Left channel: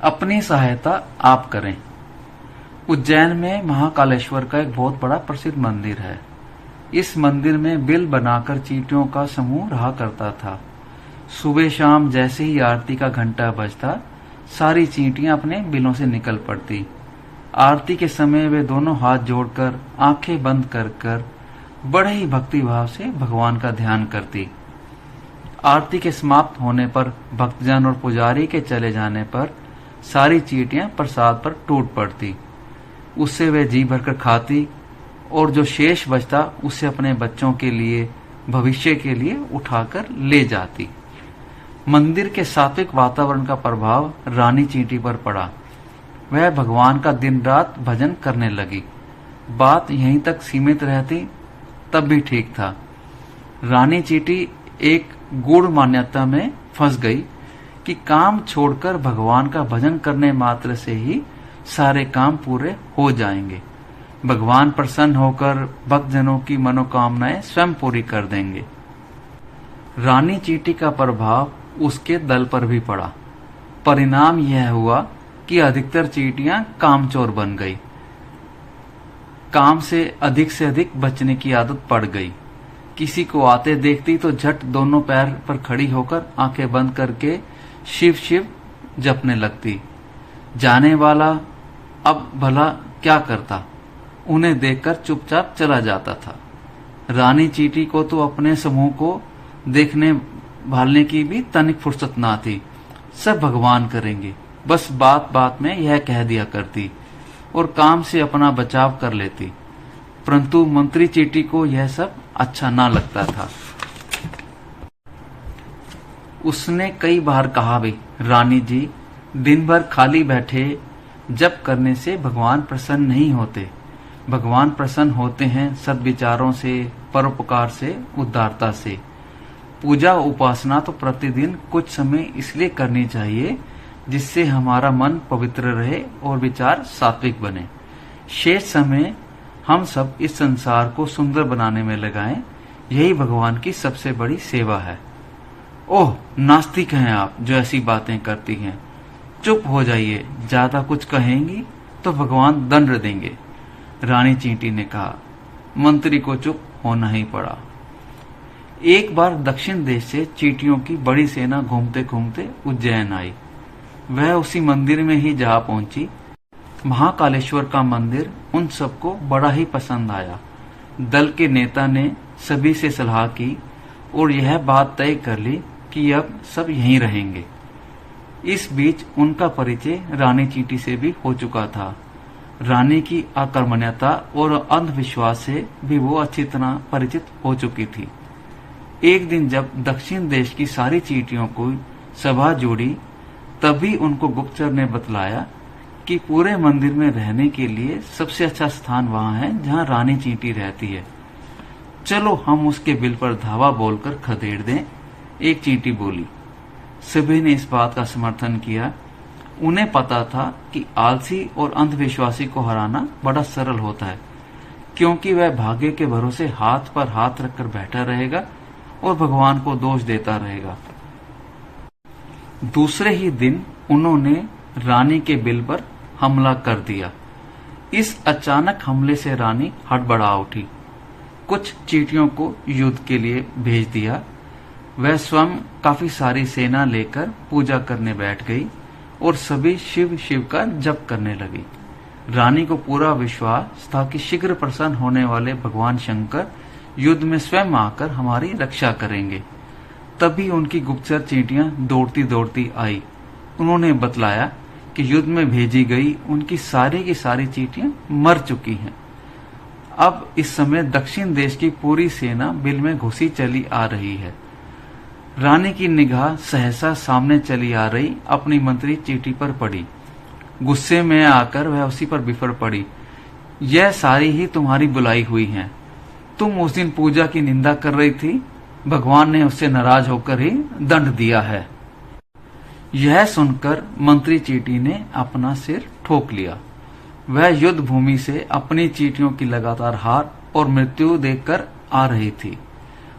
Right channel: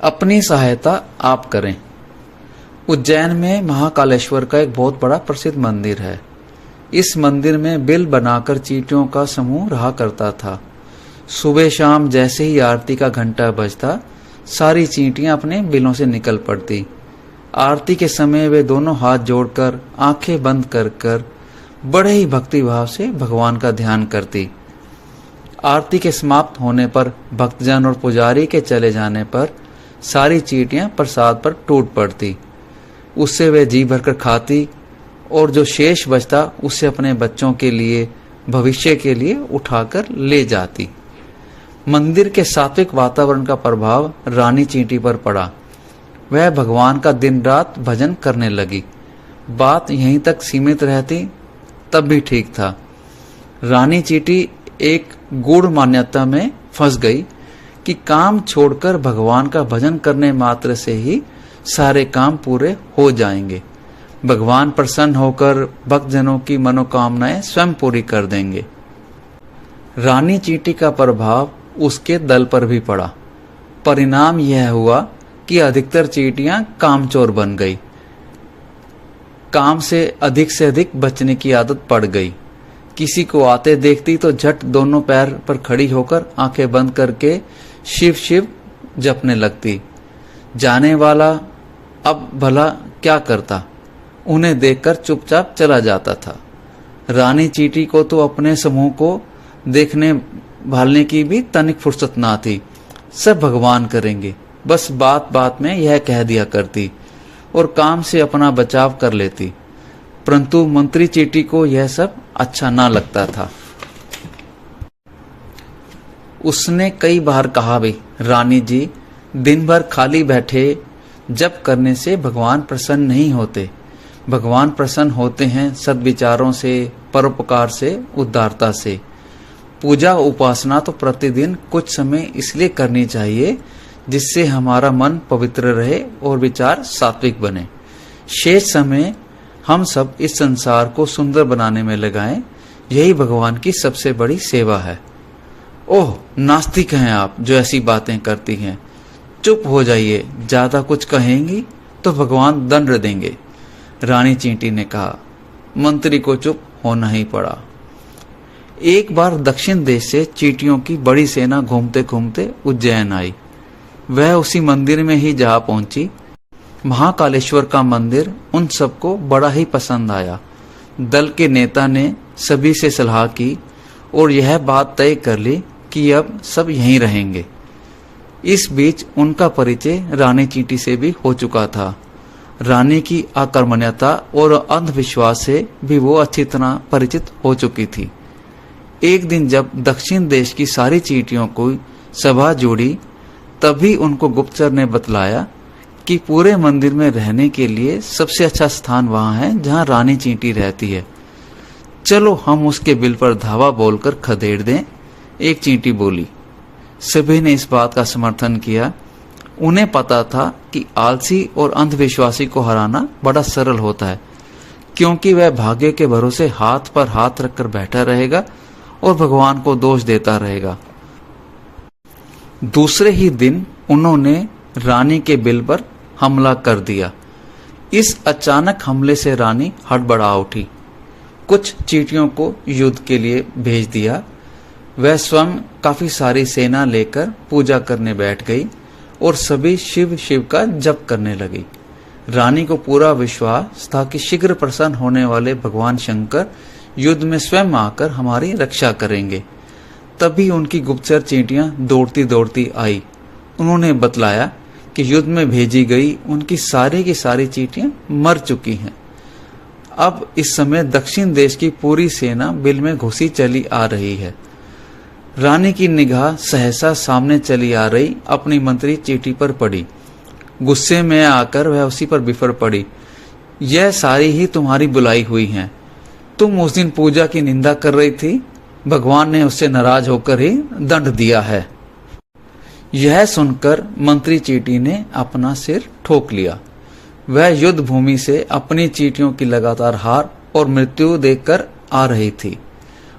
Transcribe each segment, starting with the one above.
अपनी सहायता आप करें। उज्जैन में महाकालेश्वर का एक बहुत बड़ा प्रसिद्ध मंदिर है। इस मंदिर में बिल बनाकर चींटियों का समूह रहा करता था। सुबह शाम जैसे ही आरती का घंटा बजता, सारी चींटियां अपने बिलों से निकल पड़ती। आरती के समय वे दोनों हाथ जोड़कर आंखें बंद कर कर बड़े ही भक्ति भाव से भगवान का ध्यान करती। आरती के समाप्त होने पर, भक्तजन और पुजारी के चले जाने पर सारी चींटियां प्रसाद पर टूट पड़ती। उससे वे जी भरकर खाती और जो शेष बचता उससे अपने बच्चों के लिए, भविष्य के लिए उठाकर ले जाती। मंदिर के सात्विक वातावरण का प्रभाव रानी चींटी पर पड़ा। वह भगवान का दिन रात भजन करने लगी। बात यहीं तक सीमित रहती तब भी ठीक था। रानी चींटी एक गूढ़ मान्यता में फंस गई कि काम छोड़कर भगवान का भजन करने मात्र से ही सारे काम पूरे हो जाएंगे। भगवान प्रसन्न होकर भक्तजनों की मनोकामनाएं स्वयं पूरी कर देंगे। रानी चींटी का प्रभाव उसके दल पर भी पड़ा। परिणाम यह हुआ कि अधिकतर चींटियां कामचोर बन गई। काम से अधिक बचने की आदत पड़ गई। किसी को आते देखती तो झट दोनों पैर पर खड़ी होकर आंखें बंद करके शिव शिव जपने लगती। जाने वाला अब भला क्या करता, उन्हें देखकर चुपचाप चला जाता था। रानी चींटी को तो अपने समूह को देखने भालने की भी तनिक फुर्सत ना थी। सब भगवान करेंगे, बस बात बात में यह कह दिया करती और काम से अपना बचाव कर लेती। परंतु मंत्री चींटी को यह सब अच्छा ना लगता था। उसने कई बार कहा भी, रानी जी, दिन भर खाली बैठे जप करने से भगवान प्रसन्न नहीं होते। भगवान प्रसन्न होते हैं सद्विचारों से, परोपकार से, उदारता से। पूजा उपासना तो प्रतिदिन कुछ समय इसलिए करनी चाहिए जिससे हमारा मन पवित्र रहे और विचार सात्विक बने। शेष समय हम सब इस संसार को सुंदर बनाने में लगाएं। यही भगवान की सबसे बड़ी सेवा है। ओह, नास्तिक हैं आप जो ऐसी बातें करती हैं। चुप हो जाइए, ज्यादा कुछ कहेंगी तो भगवान दंड देंगे, रानी चींटी ने कहा। मंत्री को चुप होना ही पड़ा। एक बार दक्षिण देश से चींटियों की बड़ी सेना घूमते घूमते उज्जैन आई। वह उसी मंदिर में ही जा पहुंची। महाकालेश्वर का मंदिर उन सबको बड़ा ही पसंद आया। दल के नेता ने सभी से सलाह की और यह बात तय कर ली कि अब सब यहीं रहेंगे। इस बीच उनका परिचय रानी चींटी से भी हो चुका था। रानी की आक्रामकता और अंधविश्वास से भी वो अच्छी तरह परिचित हो चुकी थी। एक दिन जब दक्षिण देश की सारी चींटियों को सभा जोड़ी, तभी उनको गुप्तचर ने बतलाया कि पूरे मंदिर में रहने के लिए सबसे अच्छा स्थान वहां है जहां रानी चींटी रहती है। चलो हम उसके बिल पर धावा बोलकर खदेड़ दें, एक चींटी बोली। सभी ने इस बात का समर्थन किया। उन्हें पता था कि आलसी और अंधविश्वासी को हराना बड़ा सरल होता है, क्योंकि वह भाग्य के भरोसे हाथ पर हाथ रखकर बैठा रहेगा और भगवान को दोष देता रहेगा। दूसरे ही दिन उन्होंने रानी के बिल पर हमला कर दिया। इस अचानक हमले से रानी हड़बड़ा उठी। कुछ चींटियों को युद्ध के लिए भेज दिया। वह स्वयं काफी सारी सेना लेकर पूजा करने बैठ गई और सभी शिव शिव का जप करने लगी। रानी को पूरा विश्वास था कि शीघ्र प्रसन्न होने वाले भगवान शंकर युद्ध में स्वयं आकर हमारी रक्षा करेंगे। तभी उनकी गुप्तचर चींटियां दौड़ती दौड़ती आई। उन्होंने बतलाया कि युद्ध में भेजी गई उनकी सारी की सारी चींटियां मर चुकी हैं। अब इस समय दक्षिण देश की पूरी सेना बिल में घुसी चली आ रही है। रानी की निगाह सहसा सामने चली आ रही अपनी मंत्री चींटी पर पड़ी। गुस्से में आकर वह उसी पर बिफर पड़ी। यह सारी ही तुम्हारी बुलाई हुई हैं। तुम उस दिन पूजा की निंदा कर रही थी, भगवान ने उससे नाराज होकर ही दंड दिया है। यह सुनकर मंत्री चींटी ने अपना सिर ठोक लिया। वह युद्ध भूमि से अपनी चींटियों की लगातार हार और मृत्यु देखकर आ रही थी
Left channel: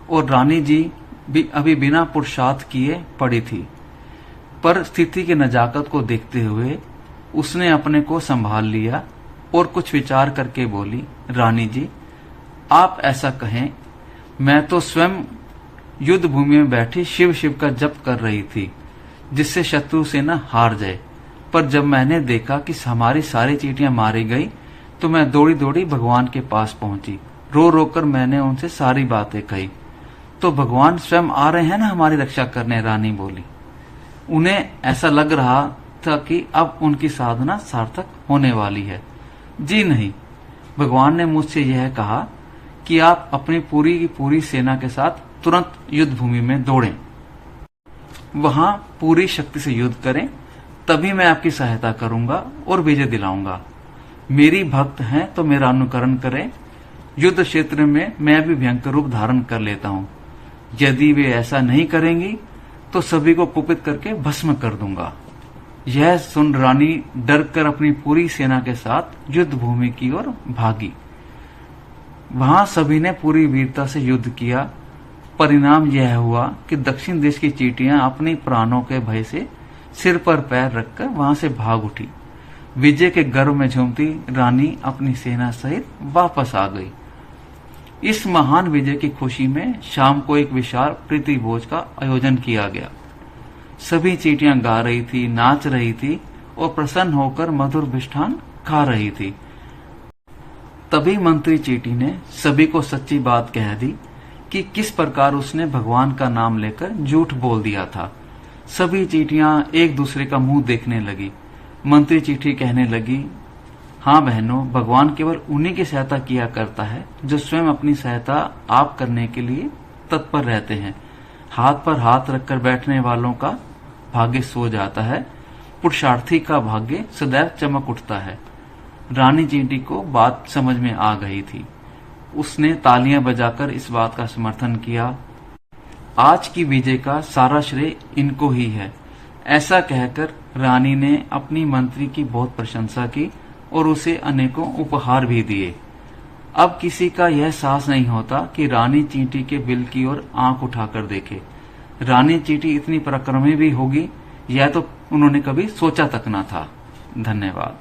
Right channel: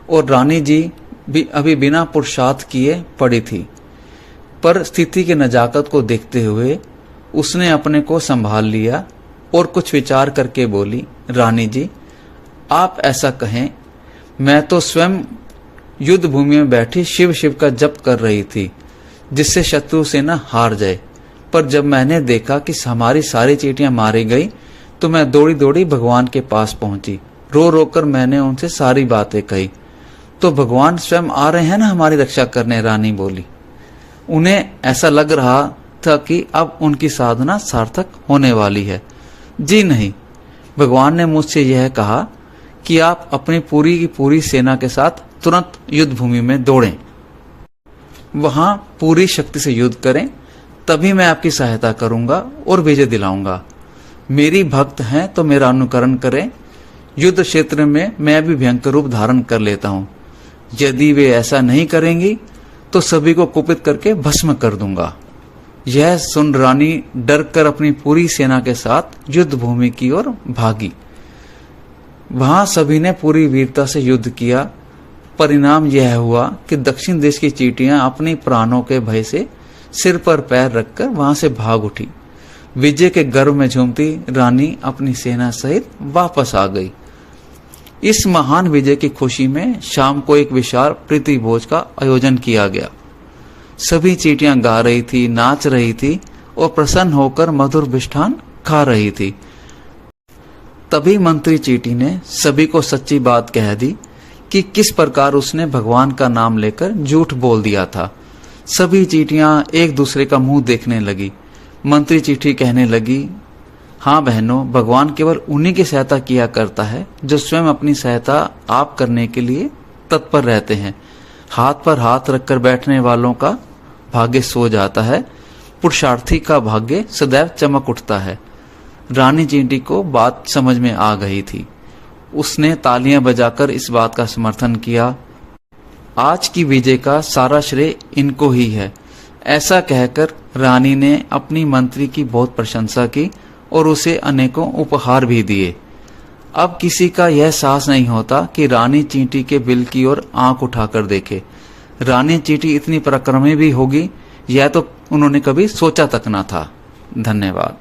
और रानी जी भी अभी बिना पुरुषार्थ किए पड़ी थी। पर स्थिति की नजाकत को देखते हुए उसने अपने को संभाल लिया और कुछ विचार करके बोली, रानी जी, आप ऐसा कहें, मैं तो स्वयं युद्ध भूमि में बैठी शिव शिव का जप कर रही थी जिससे शत्रु सेना हार जाए। पर जब मैंने देखा कि हमारी सारी चींटियां मारी गई तो मैं दौड़ी दौड़ी भगवान के पास पहुंची। रो रो कर मैंने उनसे सारी बातें कही। तो भगवान स्वयं आ रहे हैं ना हमारी रक्षा करने, रानी बोली। उन्हें ऐसा लग रहा था कि अब उनकी साधना सार्थक होने वाली है। जी नहीं, भगवान ने मुझसे यह कहा कि आप अपनी पूरी की पूरी सेना के साथ तुरंत युद्ध भूमि में दौड़ें, वहां पूरी शक्ति से युद्ध करें, तभी मैं आपकी सहायता करूंगा और विजय दिलाऊंगा। मेरी भक्त हैं तो मेरा अनुकरण करें। युद्ध क्षेत्र में मैं भी भयंकर रूप धारण कर लेता हूं। यदि वे ऐसा नहीं करेंगी तो सभी को कुपित करके भस्म कर दूंगा। यह सुन रानी डर कर अपनी पूरी सेना के साथ युद्ध भूमि की ओर भागी। वहां सभी ने पूरी वीरता से युद्ध किया। परिणाम यह हुआ कि दक्षिण देश की चींटियां अपने प्राणों के भय से सिर पर पैर रखकर वहां से भाग उठी। विजय के गर्व में झूमती रानी अपनी सेना सहित वापस आ गई। इस महान विजय की खुशी में शाम को एक विशाल प्रीति भोज का आयोजन किया गया। सभी चींटियां गा रही थी, नाच रही थी और प्रसन्न होकर मधुर मिष्ठान खा रही थी। तभी मंत्री चींटी ने सभी को सच्ची बात कह दी कि किस प्रकार उसने भगवान का नाम लेकर झूठ बोल दिया था। सभी चींटियां एक दूसरे का मुंह देखने लगी। मंत्री चींटी कहने लगी, हाँ बहनों, भगवान केवल उन्हीं की सहायता किया करता है जो स्वयं अपनी सहायता आप करने के लिए तत्पर रहते हैं। हाथ पर हाथ रखकर बैठने वालों का भाग्य सो जाता है, पुरुषार्थी का भाग्य सदैव चमक उठता है। रानी चींटी को बात समझ में आ गई थी। उसने तालियां बजाकर इस बात का समर्थन किया। आज की विजय का सारा श्रेय इनको ही है। ऐसा कहकर रानी ने अपनी मंत्री की बहुत प्रशंसा की और उसे अनेकों उपहार भी दिए। अब किसी का यह साहस नहीं होता कि रानी चींटी के बिल की ओर आंख उठाकर देखे। रानी चींटी इतनी पराक्रमी भी होगी, यह तो उन्होंने कभी सोचा तक न था। धन्यवाद।